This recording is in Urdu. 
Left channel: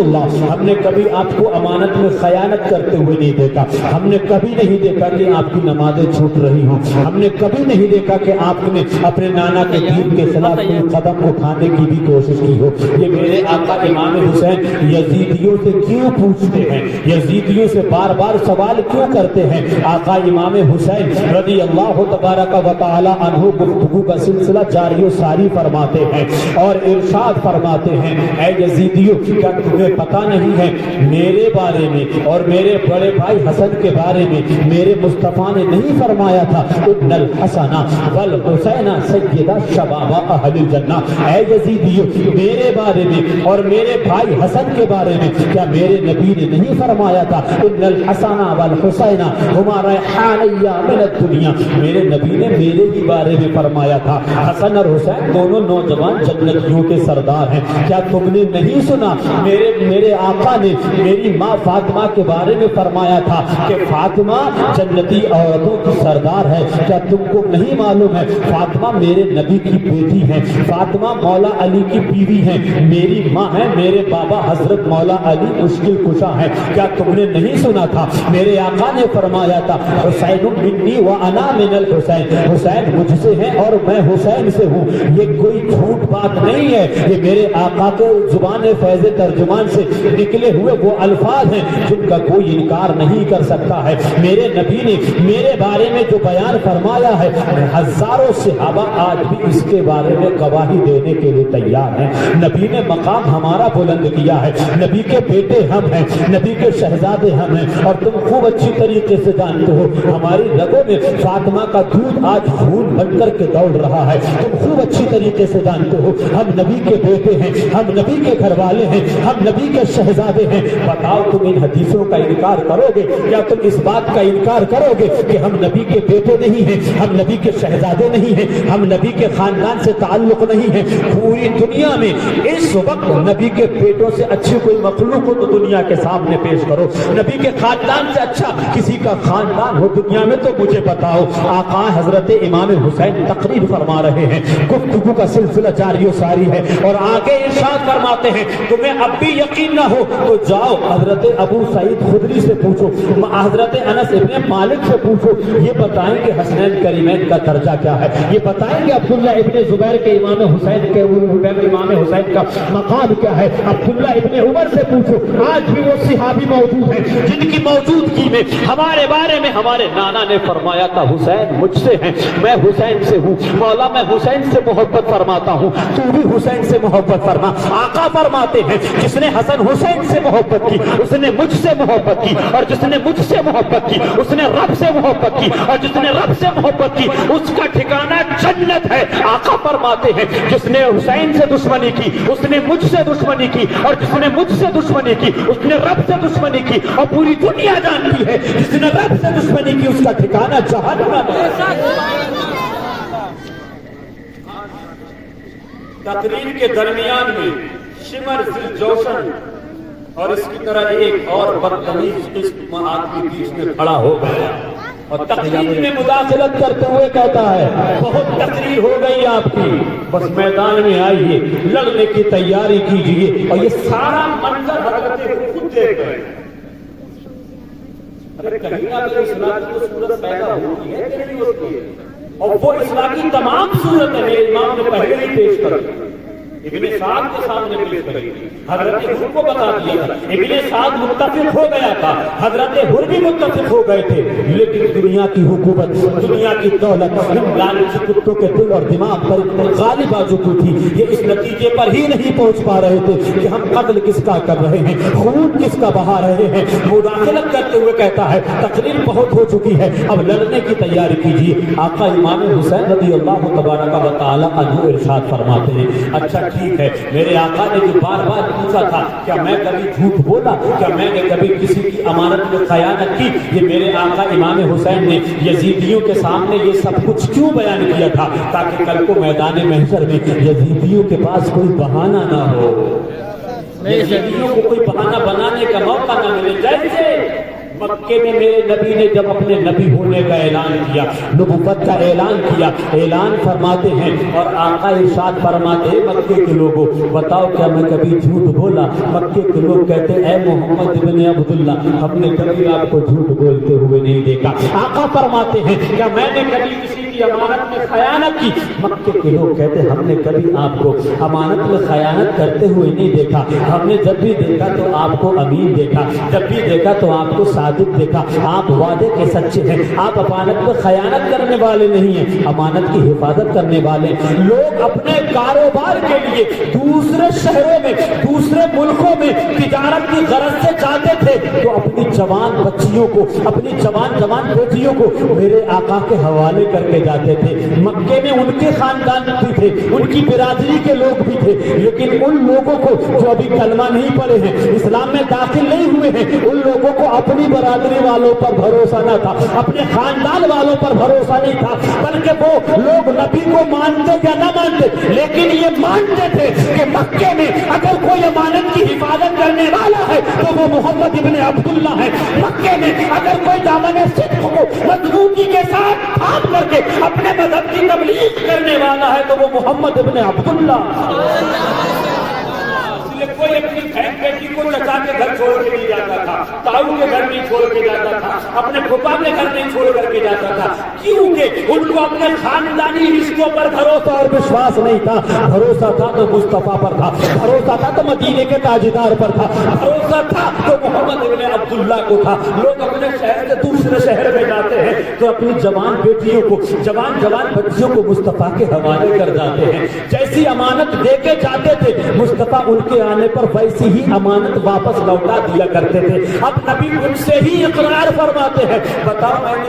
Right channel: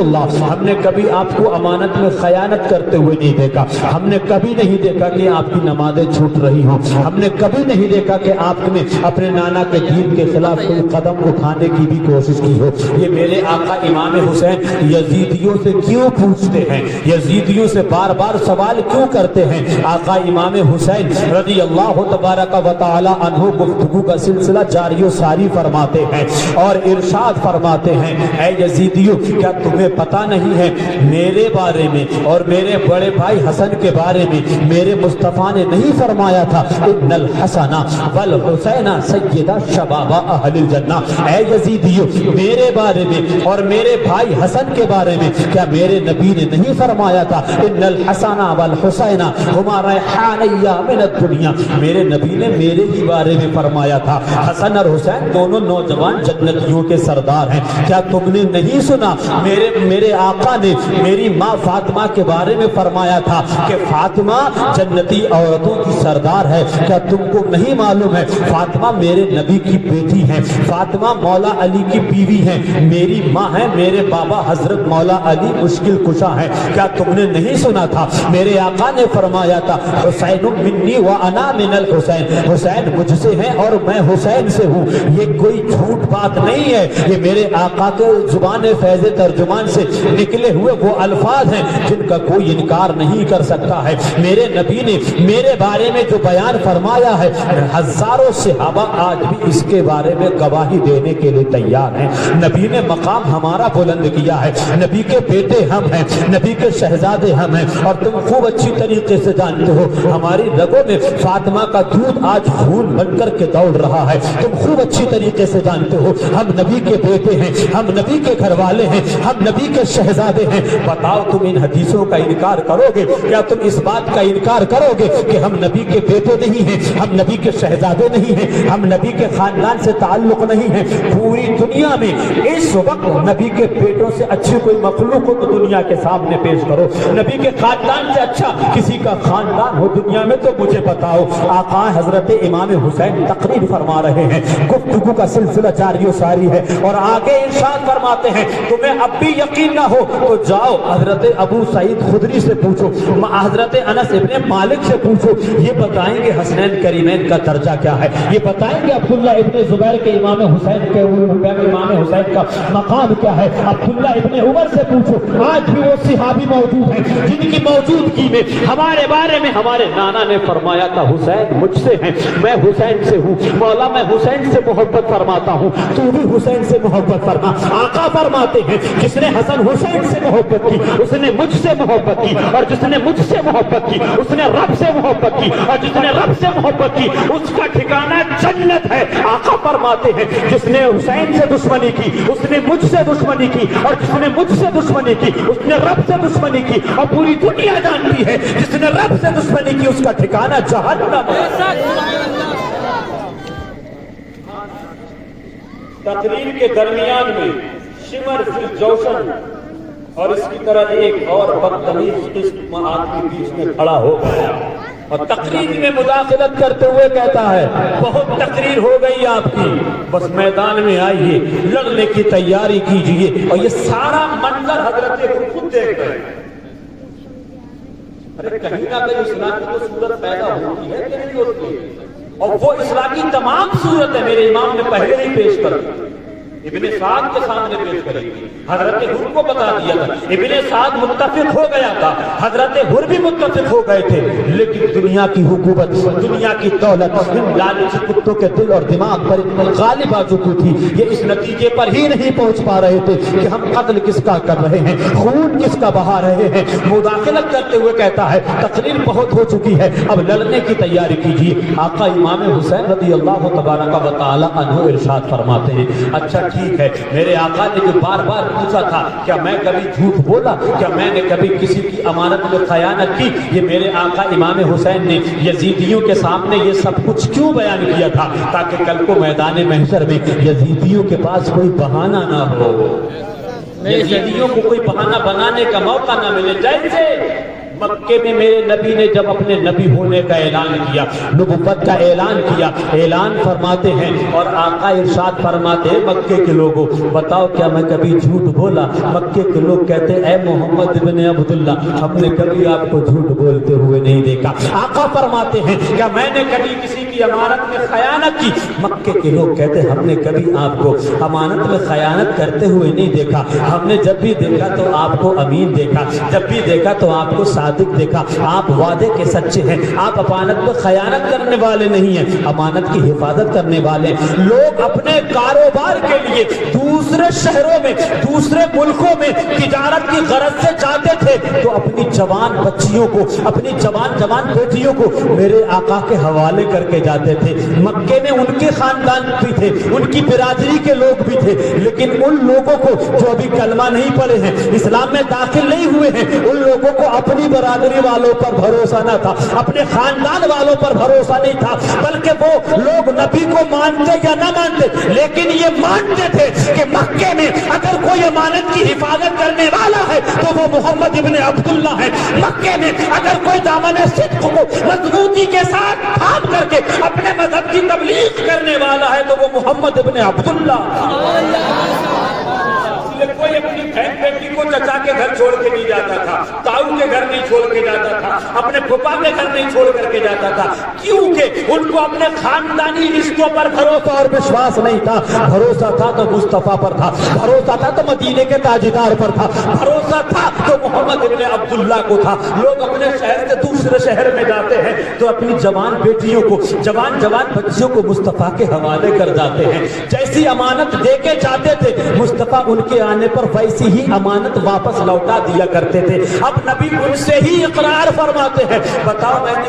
اللہ ہم نے کبھی آپ کو امانت میں خیانت کرتے ہوئے نہیں دیکھا، ہم نے کبھی نہیں دیکھا کہ آپ کی نمازیں چھوٹ رہی ہوں، ہم نے کبھی نہیں دیکھا کہ آپ نے اپنے نانا کے دین کے خلاف کوئی قدم اٹھانے کی بھی کوشش کی ہو۔ یہ میرے آقا امام حسین یزیدیوں سے کیوں پوچھتے ہیں، یزیدیوں سے بار بار سوال کیوں کرتے ہیں؟ آقا امام حسین رضی اللہ تبارک و تعالی عنہ گفتگو کا سلسلہ جاری و ساری فرماتے ہیں اور ارشاد فرماتے ہیں، اے یزیدیوں کیا تمہیں پتہ نہیں ہے میرے بارے میں اور میرے بڑے بھائی حسن کے بارے میں میرے مصطفیٰ نے نہیں فرمایا تھا ان الحسن والحسین سیدہ شباب اہل الجنہ؟ اے یزیدیوں میرے بارے میں اور میرے بھائی حسن کے بارے میں کیا میرے نبی نے نہیں فرمایا تھا ان الحسن والحسین ہما ریحانیہ من الدنیا؟ میرے نبی نے میرے ہی بارے میں فرمایا تھا حسن اور حسین دونوں نوجوان جنتیوں کے سردار ہیں۔ کیا تم نے نہیں سنا میرے آقا نے میری ماں فاطمہ کے بارے میں فرمایا تھا کہ فاطمہ جنتی عورتوں کی سردار ہے؟ کیا تم کو نہیں معلوم ہے فاطمہ میرے نبی کی بیٹی ہے، فاطمہ مولا علی کی بیوی ہے، میری ماں ہے، میرے بابا حضرت مولا علی مشکل کشا ہے؟ کیا تم نے نہیں سنا تھا میرے آقا نے فرمایا تھا حسین منی وانا من الحسین، حسین مجھ سے ہے اور میں حسین سے ہوں؟ یہ کوئی جھوٹ بات نہیں ہے، یہ میرے آقا کے زبان فیض ترجمان سے نکلے ہوئے وہ الفاظ ہیں جن کا کوئی انکار نہیں کر سکتا ہے۔ میرے نبی نے میرے بارے میں جو بیان فرمایا ہے ہزاروں صحابہ آج بھی اس کے بارے میں گواہی دینے کے لیے تیار ہیں۔ نبی نے مقام ہمارا بلند کیا ہے، نبی کے بیٹے ہم ہیں، نبی کے شہزادے ہم ہیں، اور تم خوب اچھی طریقے سے جانتے ہو ہماری رگوں میں فاطمہ کا دودھ آج خون بن کر کے دوڑ رہا ہے، تم خوب اچھی طریقے سے جانتے ہو ہم نبی کے بیٹے ہیں، ہم نبی کے گھر والے ہیں، ہم نبی کے شہزادے ہیں۔ بتاؤ تم ان حدیثوں کا انکار کرو گے؟ کیا تم اس بات کا انکار کرو گے کہ ہم نبی کے بیٹے نہیں ہیں، ہم نبی کے شہزادے نہیں ہیں، ہم نبی کے خاندان سے تعلق نہیں ہے؟ پوری دنیا میں اس وقت نبی کے بیٹوں سے اچھی کوئی مخلوق ہو تو دنیا کے سامنے پیش کرو، نبی کے خاندان سے اچھا کسی کا خاندان ہو دنیا میں تو مجھے بتاؤ۔ آقا حضرت امام حسین تقریر فرما رہے ہیں، گفتگو کا سلسلہ جاری و ساری ہے اور آگے ارشاد فرماتے ہیں تمہیں اب بھی یقین نہ ہو تو جاؤ حضرت ابو سعید خدری سے پوچھو، حضرت انس ابن مالک سے پوچھو، یہ بتائیں گے حسنین کریمین کا درجہ کیا ہے، یہ بتائیں گے عبداللہ ابن زبیر کے امام حسین کے امام حسین کا مقام کیا ہے۔ عبداللہ ابن عمر سے پوچھو، آج بھی وہ صحابی موجود ہیں جن کی موجودگی میں ہمارے بارے میں ہمارے نانا نے فرمایا تھا حسین مجھ سے ہیں، میں حسین سے ہوں، مولا میں حسین سے محبت فرماتا ہوں، تو بھی حسین سے محبت فرما۔ آقا فرماتے ہیں جس نے حسن حسین سے محبت کی اس نے مجھ سے محبت کی، اور جس نے مجھ سے محبت کی اس نے رب سے محبت کی، اور جس نے رب سے محبت کی اس کا ٹھکانہ جنت ہے۔ آقا فرماتے ہیں جس نے حسین سے دشمنی کی اس نے مجھ سے دشمنی کی، اور جس نے مجھ سے دشمنی کی اس نے رب سے دشمنی کی، اور پوری دنیا جانتی ہے جس نے رب سے دشمنی کی اس کا ٹھکانہ جہنم ہے۔ تقریر کے درمیان میں شمر فی جوشن اور اس کی طرح ایک اور بدتمیز قسم آدمی بیچ میں کھڑا ہو گیا اور تقریر میں مداخلت کرتے ہوئے کہتا ہے بہت تقریر ہو گئی آپ کی، بس میدان میں آئیے، لڑنے کی تیاری کیجئے۔ اور یہ سارا منظر حضرت خود دیکھ رہے ہیں۔ ارے کہیں نہ کہیں اصلاح کی وہ صورت پیدا ہوتی ہے کہ نہیں ہوتی ہے، اور وہ اصلاح کی تمام صورتیں میرے امام نے پہلے ہی پیش کر دی، ابن سعد کے سامنے پیش کریں گے، حضرت حر کو بتا دیا تھا، ابن سعد متفق ہو گیا تھا، حضرت حر بھی متفق ہو گئے تھے، لیکن دنیا کی حکومت، دنیا کی دولت ان لالچی کتوں کے دل اور دماغ پر اتنی غالب آ چکی تھی، یہ اس نتیجے پر ہی نہیں پہنچ پا رہے تھے کہ ہم قتل کس کا کر رہے ہیں، خون کس کا بہا رہے ہیں۔ مداخلت کرتے ہوئے کہتا ہے تقریر بہت ہو چکی ہے، اب لڑنے کی تیاری کیجیے۔ آقا امام حسین رضی اللہ تبارک و تعالی عنہ ارشاد فرماتے ہیں اچھا ٹھیک ہے، میرے آقا نے جو بار بار پوچھا تھا کیا میں کبھی جھوٹ بولا، کیا میں نے کبھی کسی کی امانت میں خیانت کی، یہ میرے آقا امام حسین نے یزیدیوں کے سامنے یہ سب کچھ کیوں بیان کیا تھا تاکہ کل کو میدان محشر میں یزیدیوں کے پاس کوئی بہانہ نہ ہو، یزیدیوں کو کوئی بہانہ بنانے کا موقع نہ ملے۔ جیسے مکے میں میرے نبی نے جب اپنے نبی ہونے کا اعلان کیا، نبوت کا اعلان کیا، اعلان فرماتے ہیں اور آقا ارشاد فرماتے ہیں مکے کے لوگوں بتاؤ کیا میں کبھی جھوٹ بولا؟ مکے کے لوگ کہتے اے محمد ابن عبداللہ ہم نے کبھی آپ کو جھوٹ بولتے ہوئے نہیں دیکھا۔ آقا فرماتے ہیں کیا میں نے کبھی کسی کی امانت میں خیانت کی؟ مکے کے لوگ کہتے ہم نے کبھی آپ کو امانت میں خیانت کرتے ہوئے نہیں دیکھا، ہم نے جب بھی دیکھا تو آپ کو امین دیکھا، جب بھی دیکھا تو آپ کو صادق دیکھا، آپ وعدے کے سچے ہیں، آپ امانت میں خیانت کرنے والے نہیں ہیں، امانت کی حفاظت کرنے والے۔ لوگ اپنے کاروبار کے لیے دوسرے شہروں میں دوسرے ملکوں میں تجارت کی غرض سے جاتے تھے تو اپنی جوان بچیوں کو اپنی جوان بیٹیوں کو میرے آقا کے حوالے کر کے جاتے تھے۔ مکے میں ان کے خاندان بھی تھے، ان کی برادری کے لوگ بھی تھے، لیکن ان لوگوں کو جو ابھی کلمہ نہیں پڑھے ہیں، اسلام میں داخل نہیں ہوئے ہیں، ان لوگوں کو اپنی برادری والوں پر بھروسہ نہ تھا، اپنے خاندان والوں پر بھروسہ نہیں تھا، بلکہ وہ لوگ نبی کو مانتے یا نہ مانتے لیکن یہ مانتے تھے کہ مکے میں اگر کوئی امانت کی حفاظت کرنے والا ہے تو وہ محمد ابن عبداللہ ہے، مکے میں اگر کوئی دامن صدق کو مضبوطی کے ساتھ تھام کر کے اپنے مذہب کی تبلیغ کرنے والا ہے تو وہ محمد ابن عبداللہ۔ کوئی اپنی بہن بیٹی کو چچا کے گھر چھوڑ کے نہیں جاتا تھا، تاؤ کے گھر نہیں چھوڑ کے جاتا تھا، اپنے پھپھا کے گھر نہیں چھوڑ کر کے جاتا تھا، کیونکہ ان کو اپنے خاندانی رشتوں پر بھروسہ اور وشواس نہیں تھا۔ بھروسہ تھا تو مصطفیٰ پر تھا، بھروسہ تھا تو مدینے کے تاجدار پر تھا، بھروسہ تھا تو محمد ابن عبداللہ کو تھا۔ لوگ اپنے شہر سے دوسرے شہر میں جاتے ہیں تو اپنی جوان بیٹیوں کو جوان بچیوں کو مصطفیٰ کے حوالے کر جاتے ہیں، جیسی امانت دے کے جاتے تھے مصطفیٰ ان کے آنے پر ویسی ہی امانت واپس لوٹا دیا کرتے تھے۔ اب نبی ان سے ہی اقرار فرماتے ہیں بتاؤ میں نے